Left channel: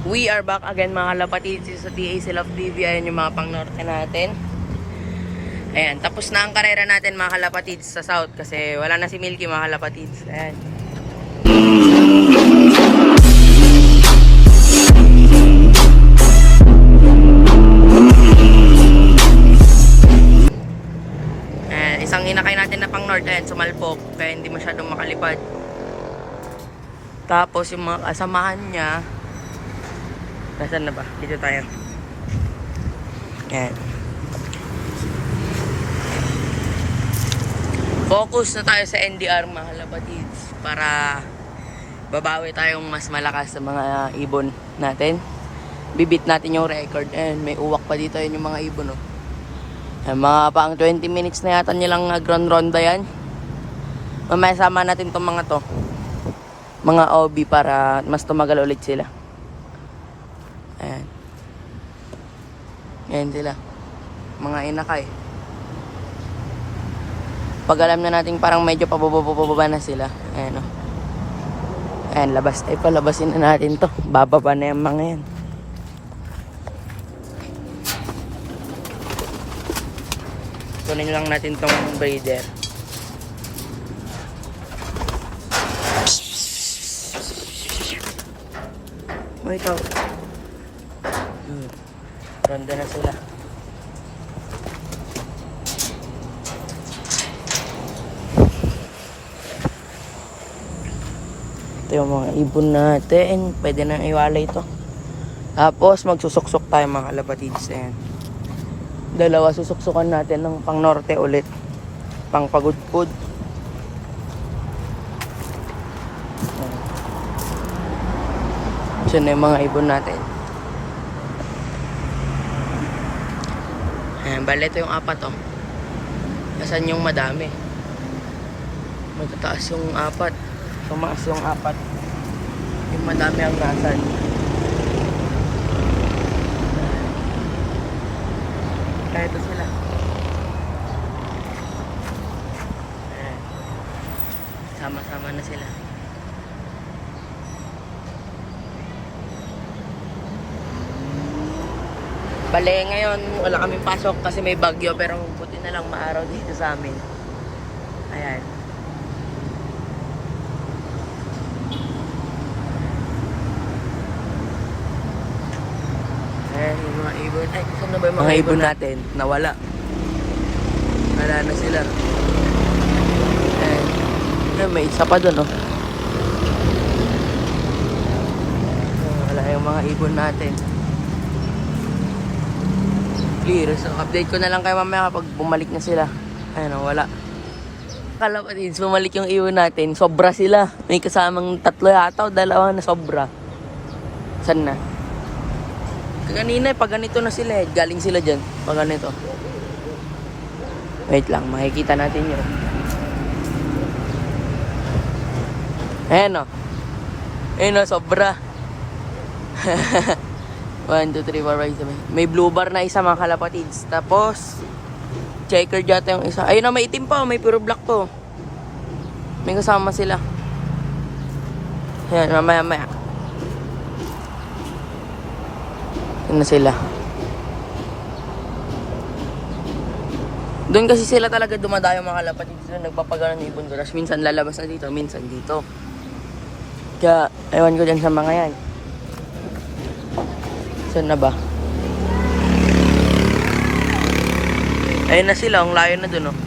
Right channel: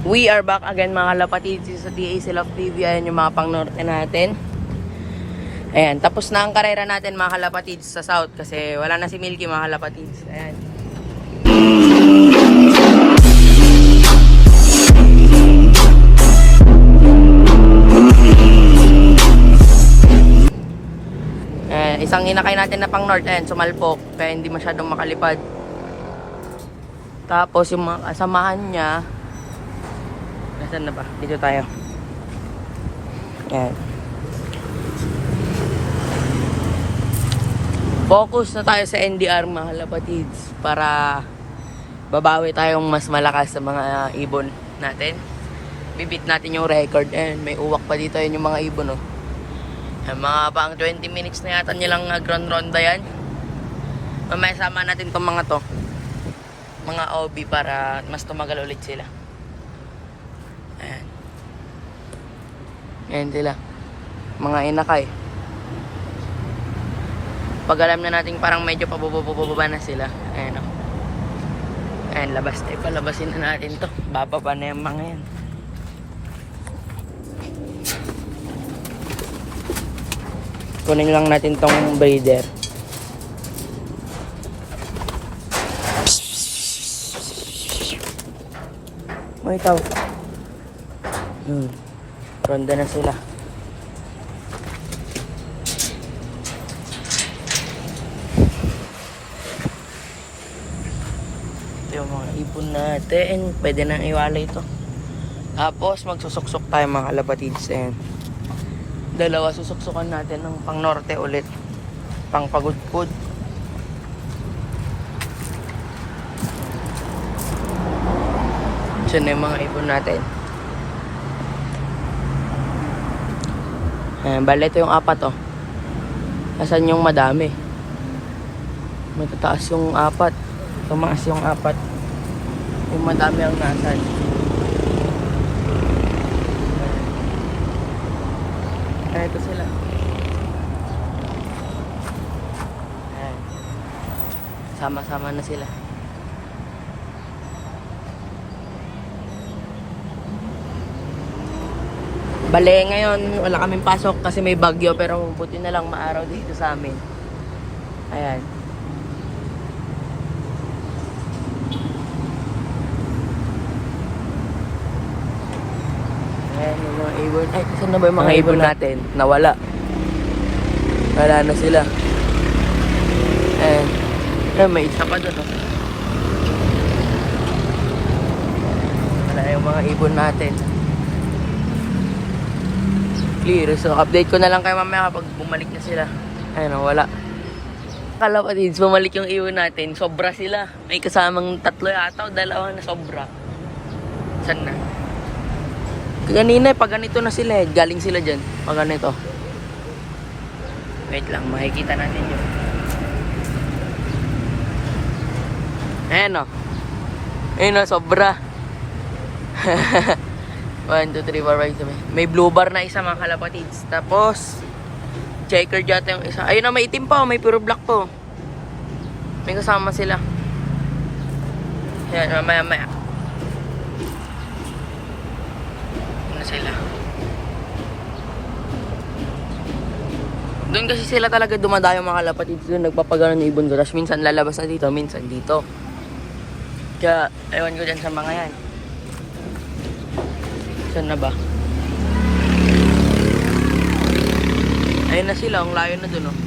We are back again mga kalapatid sa DA Love TV. Ayan yung mga pang-norte natin. Ayan, tapos na ang karera natin mga kalapatid sa south kasi wala na si Milky mga kalapatid. Ayan. Isang inakay natin na pang north, ayan, sumalpok kaya hindi masyadong makalipad. Tapos yung mga kasamahan niya, nasaan na ba? Dito tayo. Ayan. Focus na tayo sa NDR mga kalapatids para babawi tayong mas malakas sa mga ibon natin. Bibit natin yung record. And may uwak pa dito yun yung mga ibon, oh. Ayan, mga pang 20 minutes na yata nilang ground ronda yan. Mamaya sama natin tong mga to, mga OB, para mas tumagal ulit sila. Ayan. Ayan sila, mga inakay. Pag alam na natin parang medyo pababa na sila, ayan, oh. Ayan, labas tayo pa, labasin na natin to. Bababa na yung mga yan. Kunin lang natin tong breeder. Oh, ikaw. Ronda na sila. Ito yung mga ibon natin. Pwede nang iwalay ito. Tapos magsusuksok tayo mga kalapatids. Ayan. Dalawa susuksukan natin ng pang norte ulit. Pang pagudpud. Ito na yung mga ibon natin. Ayan, bale ito yung apat, oh. Asan yung madami? Matataas yung apat. Tumaas yung apat. Yung madami ang nasan. Ayan. Ito sila. Ayan. Sama-sama na sila. Bale, ngayon wala kaming pasok kasi may bagyo, pero buti na lang maaraw dito sa amin. Ayan. Ayan yung mga ibon. Ay, saan na ba yung mga ibon natin? Nawala. Wala na sila. Ayan. Ayan, may isa pa dun, oh. Wala yung mga ibon natin. Clear. So, update ko na lang kayo mamaya kapag bumalik na sila. Ayan, oh, wala. Kalapatids, bumalik yung ibon natin. Sobra sila. May kasamang 3 yata o 2 na sobra. Saan na? Kanina, pag ganito na sila, galing sila dyan. Pag ganito. Wait lang, makikita natin yun. Ayan, o. Ayan, o, sobra. 1, 2, 3, 4, 5, 7. May blue bar na isa mga kalapatids. Tapos, checker yata yung isa. Ayun na, may itim pa, may puro black to. May kasama sila. Ayan, mamaya. Ano sila? Doon kasi sila talaga dumadayo mga kalapatids. Doon nagpapagano ng ibon ko. Tapos minsan lalabas na dito, minsan dito. Kaya, ewan ko dyan sa mga yan. Saan na ba? Ayun na sila, ang layo na dun, oh.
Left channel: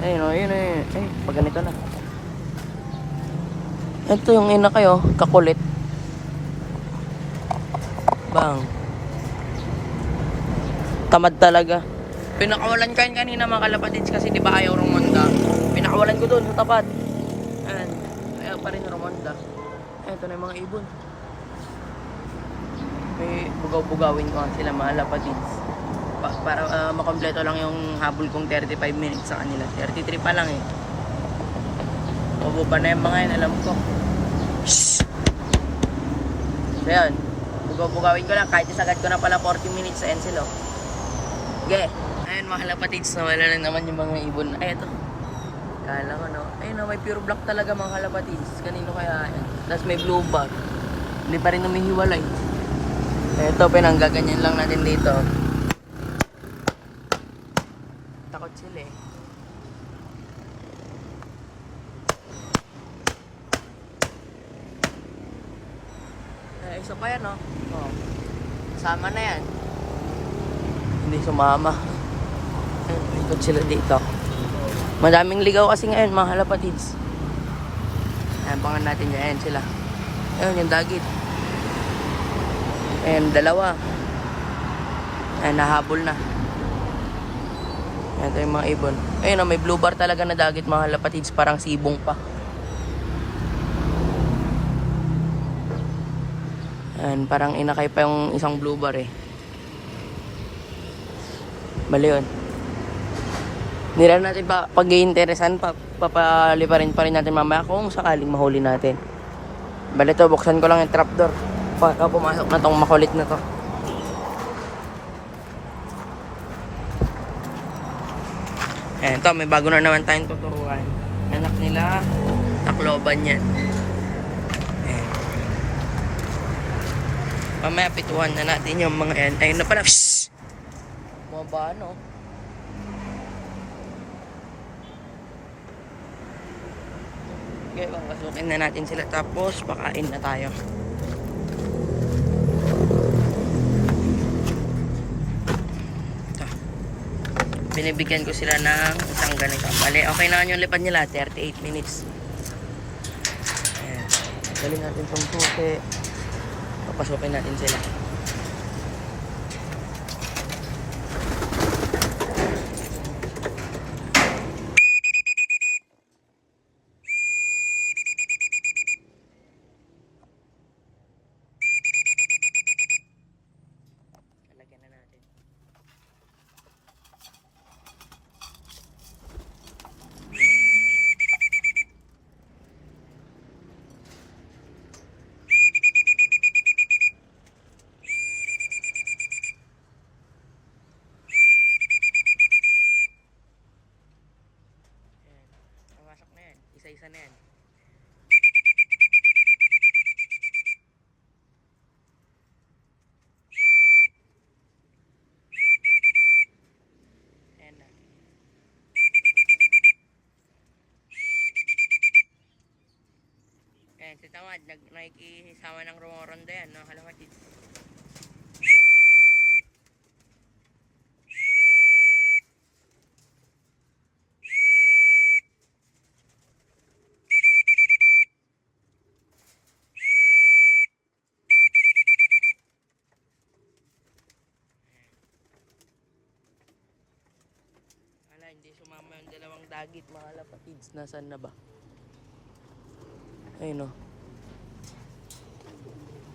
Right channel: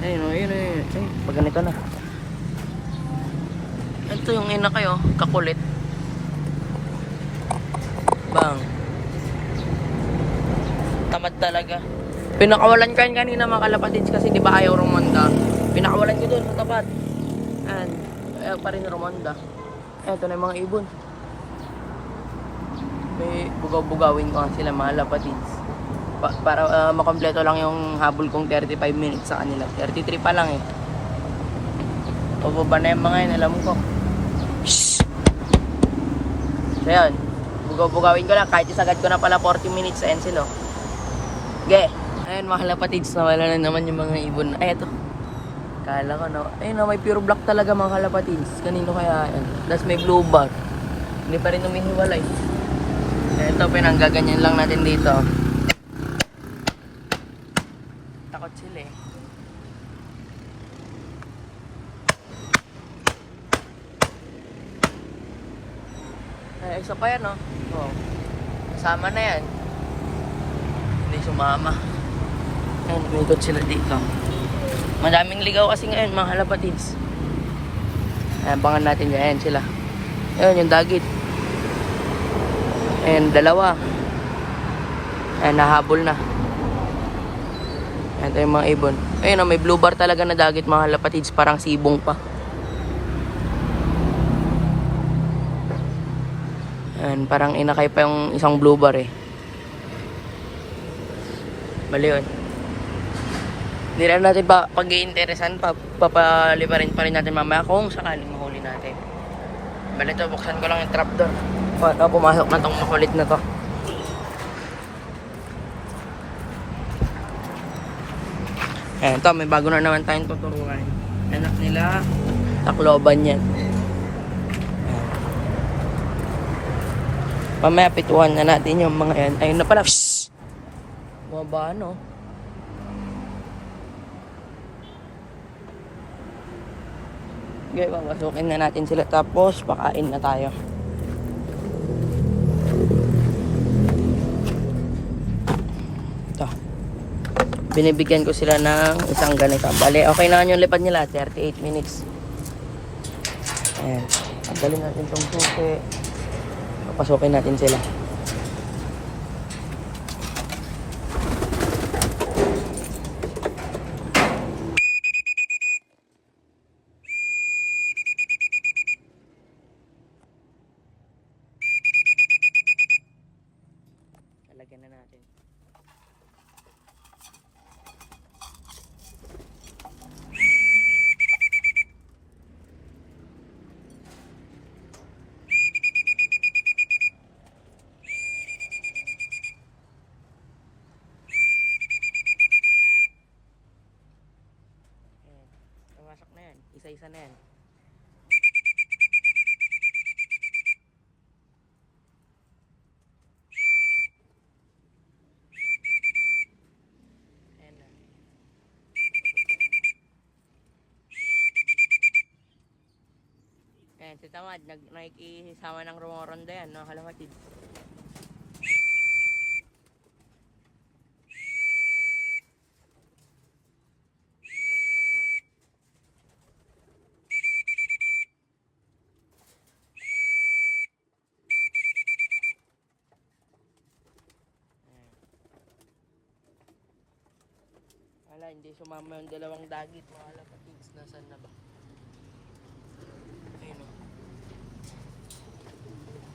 Ayun, oh, ayun. Ay, pag ganito na. Ito yung ina kayo, kakulit. Bang. Tamad talaga. Pinakawalan ko yan kanina mga kalapatids kasi di ba ayaw rumonda. Pinakawalan ko doon sa tapat. And ayaw pa rin rumonda. Ito na yung mga ibon. May bugaw-bugawin ko sila mga kalapatids. Para makompleto lang yung habol kong 35 minutes sa kanila. 33 pa lang, eh. Pababa na yung mga yan, alam ko. So yan, bugaw-bugawin ko lang kahit isagad ko na pala 40 minutes sa Encelo. Okay. Ayan mga kalapatids, nawala na naman yung mga ibon. Eto. Kala ko, no? Ayun, no, may pure black talaga mga kalapatids. Kanino kaya yan? Tapos may blue bar. Hindi pa rin umihiwalay. Ito, pinanggaganyan lang natin dito. Takot sila eh. Ay, isa pa yan, no? Oo. Kasama na yan. Hindi sumama. Ayan, ikot sila dito. Madaming ligaw kasi ngayon, mga halapatids. Ayan, bangan natin dyan. Ayan sila. Ayan, yung dagit. Ayan, dalawa. Ayan, nahabol na. Ayan, ito yung mga ibon. Ayan, may blue bar talaga na dagit, mga halapatids. Parang sibong pa. Ayan, parang inakay pa yung isang blue bar eh. Mali yun. Hindi lang natin pag-iinteresan, papaliparin pa rin natin mamaya kung sakaling mahuli natin. Bali to, buksan ko lang yung trapdoor. Pagka pumasok na tong makulit na to. Ayan, to, may bago na naman tayong tuturuan. Anak nila, Tacloban yan. Ayan. Mamaya pituhan na natin yung mga yan. Ayun na pala. Shhh! Baba, ano? Okay, papasukin na natin sila tapos pakain na tayo. Ito. Binibigyan ko sila ng isang ganito. Bale, okay na yung lipad nila, 38 minutes. Ayan. Pagdalhin natin itong suki. Papasukin natin sila. Lagyan na natin. Ayan. Pawasok na yan. Isa-isa na yan. Ayan, si Tamad, nakikisama ng rumoronda yan, no? Halapatid. Wala, hindi sumama yung dalawang dagit, mga halapatids. Nasaan na ba? Ayun o.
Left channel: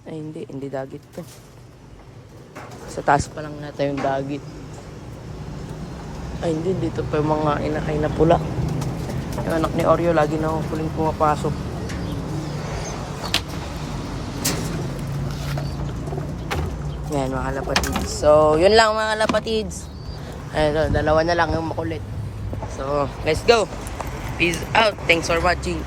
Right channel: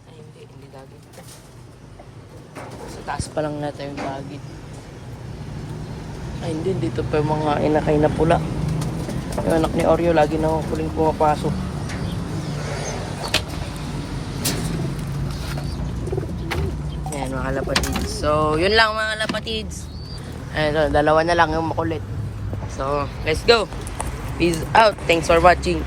Ay, hindi dagit to. Sa taas pa lang nata yung dagit. Ay, hindi, dito pa yung mga inakay na pula. Yung anak ni Oreo, lagi na huling pumapasok. Yan, mga halapatids. So, yun lang mga halapatids. Ayun, dalawa na lang yung makulit. So, let's go. Peace out. Thanks for watching.